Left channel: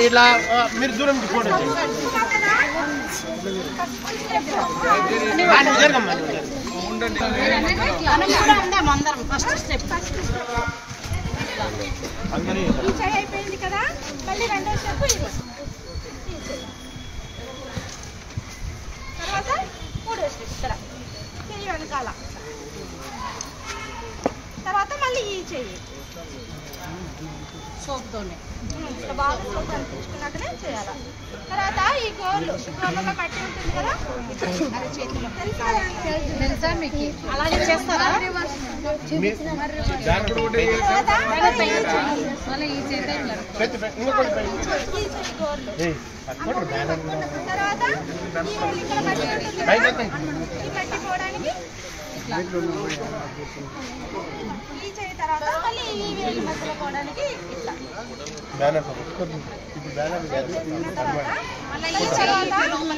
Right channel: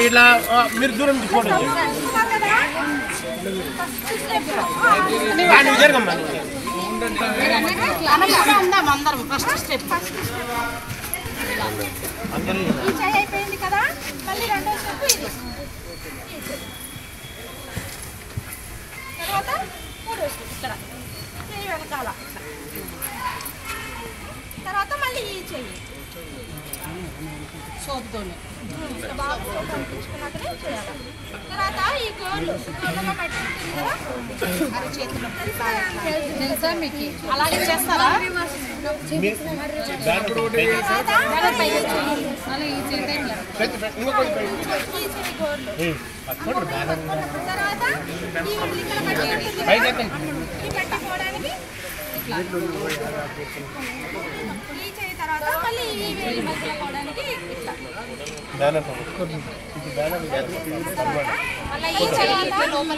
ఇలా మీరు దూరం నుంచి ఫోటో జరగమ్మా అయిపోయింది కదా మళ్ళీ రెండో స్టెప్ ఇది తర్వాత మూడో స్టెప్ ఇక్కడ చెయ్యి వెనకాల తర్వాత మళ్ళీ ఈ చెయ్యి సోప్తోనే బాగా సోప్ అనిపించుకున్నాకనే చేయాలి తర్వాత ఈ గోర్లు గోర్లలో మట్టి ఉంటుంది కదా అది చేతిలో తెలుసా మీకు అలాగే చేస్తారా తర్వాత మళ్ళీ ఈ వేలి మధ్యలో పోవడానికి ఇట్లా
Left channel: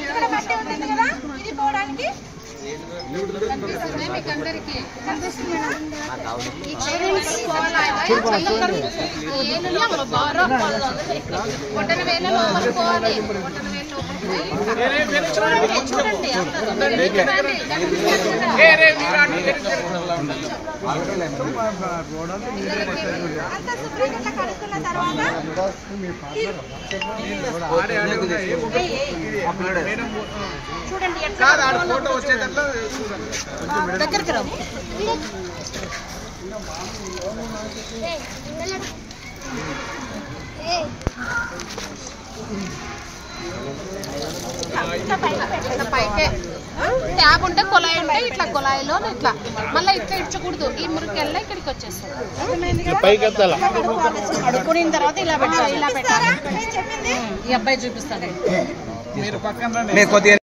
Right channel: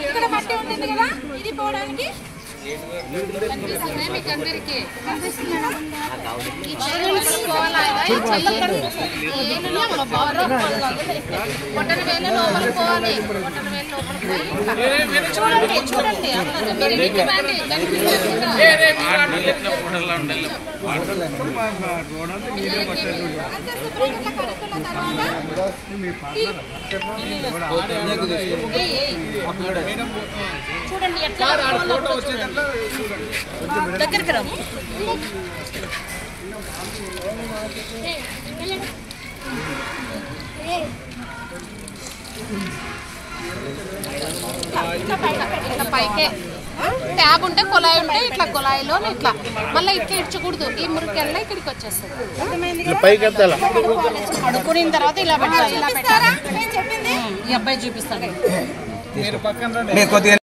ఇక్కడ మట్టి ఉంటుంది కదా ఇది పోవడానికి ఫోటో వచ్చేటట్లు దగ్గరికి రా పైకే ట్యాబ్ ఉంటే కొలాయి ఉంటే ఇట్లా కొలాయిలో ఇట్లా మళ్ళీ ఇట్లా ఇడ్చకూడదు ఈ మురికెళ్ళ ఇక్కడికి వచ్చేస్తుంది అడుక్కున్న తర్వాత ఇలా పెట్టాలి ఈ అబ్బాయి చూపిస్తాడు మీరు పక్కన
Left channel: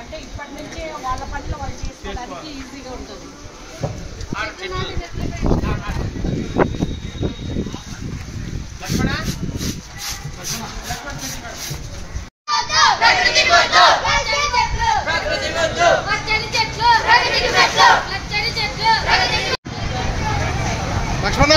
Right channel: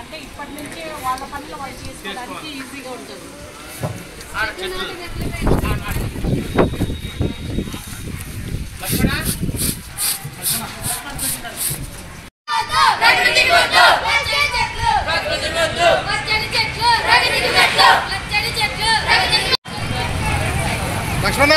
అంటే ఇప్పటి నుంచే వాళ్ళ పనులు వాళ్ళు చేసుకోవడానికి ఈజీగా ఉంటుంది లక్ష్మణ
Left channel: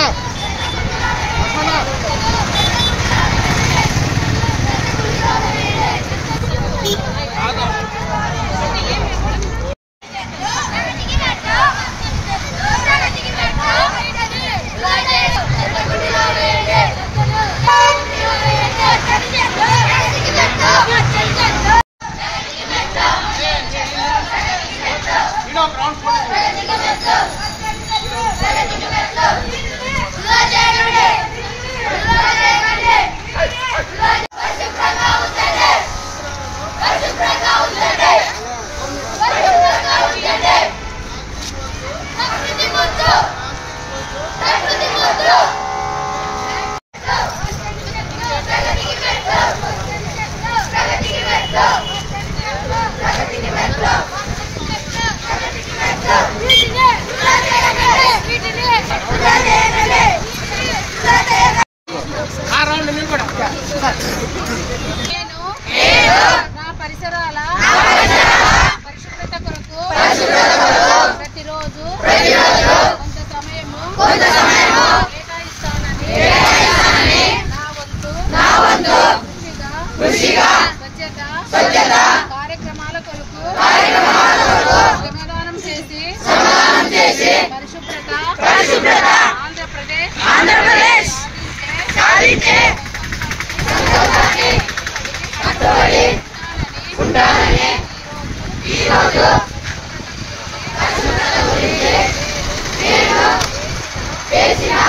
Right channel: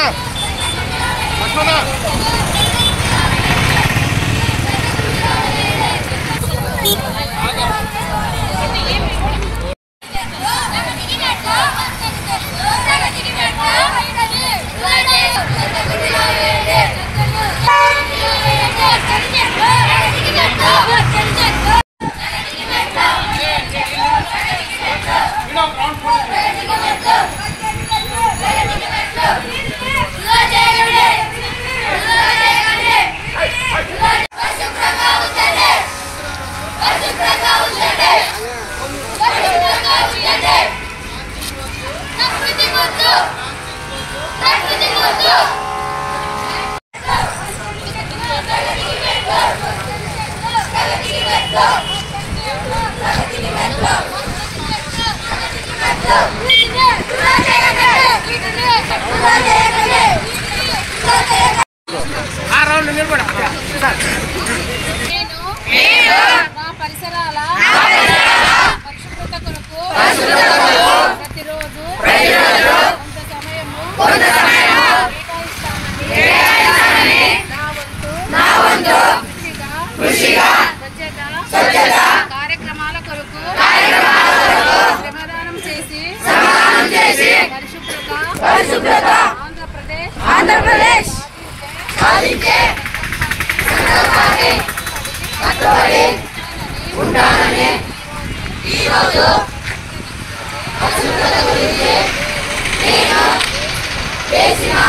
పరిసరాల పరిశుభ్రత కొరకు ప్రతిరోజు కొంత సమయము కేటాయిస్తానని నా వంతు కృషిగా స్వచ్ఛత కార్యక్రమాల కొరకు శ్రమదానం చేసి పరిశుభ్రత ఆంధ్రప్రదేశ్ సాధించే ఉంటానని ఈరోజు పరిశుభ్రత గురించి నేను చేసిన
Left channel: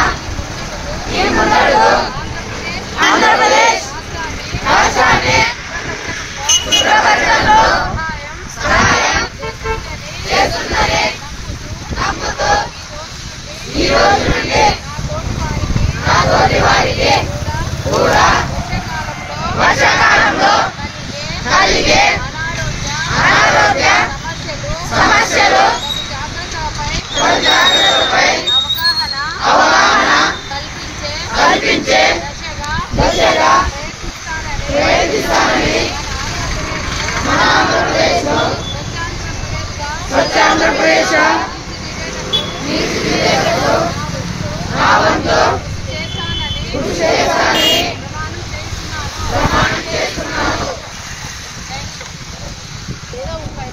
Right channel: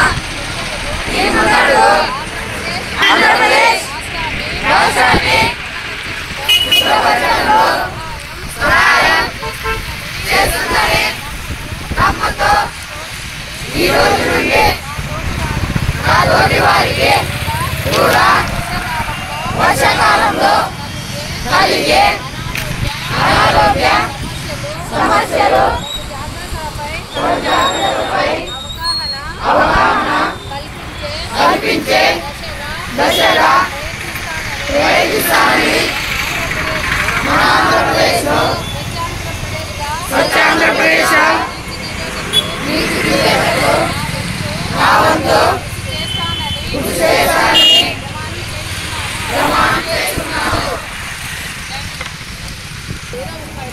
ఈ ముందడుగు ఆంధ్రప్రదేశ్ రాష్ట్రాన్ని శుభ్రపరచడంలో సహాయం చేస్తుందని నమ్ముతూ ఈ రోజు నుండి నా తోటి వారికి కలిగే అనారోగ్య సమస్యలు జాగ్రత్తలపై అవగాహన కల్పించే దశగా ప్రయత్నిస్తానని మన ఆంధ్రప్రదేశ్లో స్వచ్ఛాంధ్రప్రదేశ్ నా వంతు కృషి చేస్తానని ప్రమాణం చేస్తున్నాను.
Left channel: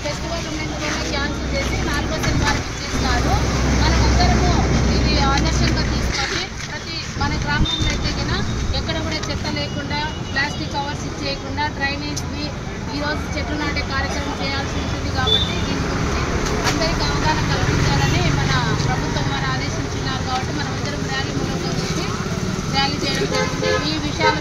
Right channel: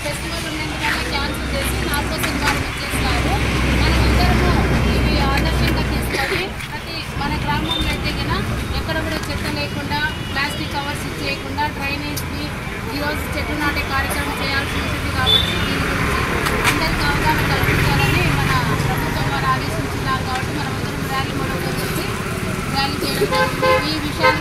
ఫెస్టివల్ ఉన్నందువల్ల క్యాన్సిల్ చేసి 4వ శనివారం చేస్తారు. మనమందరము ఇది ఆదర్శంగా తీసుకొని మన గ్రామంలో అయితే కన్నా ఎక్కడ కూడా చెత్త లేకుండా ప్లాస్టిక్ కవర్స్ చేయకుండా డ్రైనేజ్ని ఈరోజు చెట్లు నాటే కార్యక్రమం చేయాల్సి ఉంటుంది. కాబట్టి దీని గురించి అందరికీ అవగాహన కల్పించాలని మన ప్రభుత్వం వారు ఆదేశించినారు. కాబట్టి మనమందరం ర్యాలీ మూలంగా వచ్చి ర్యాలీ చేయడం జరిగింది. ఈ విషయాల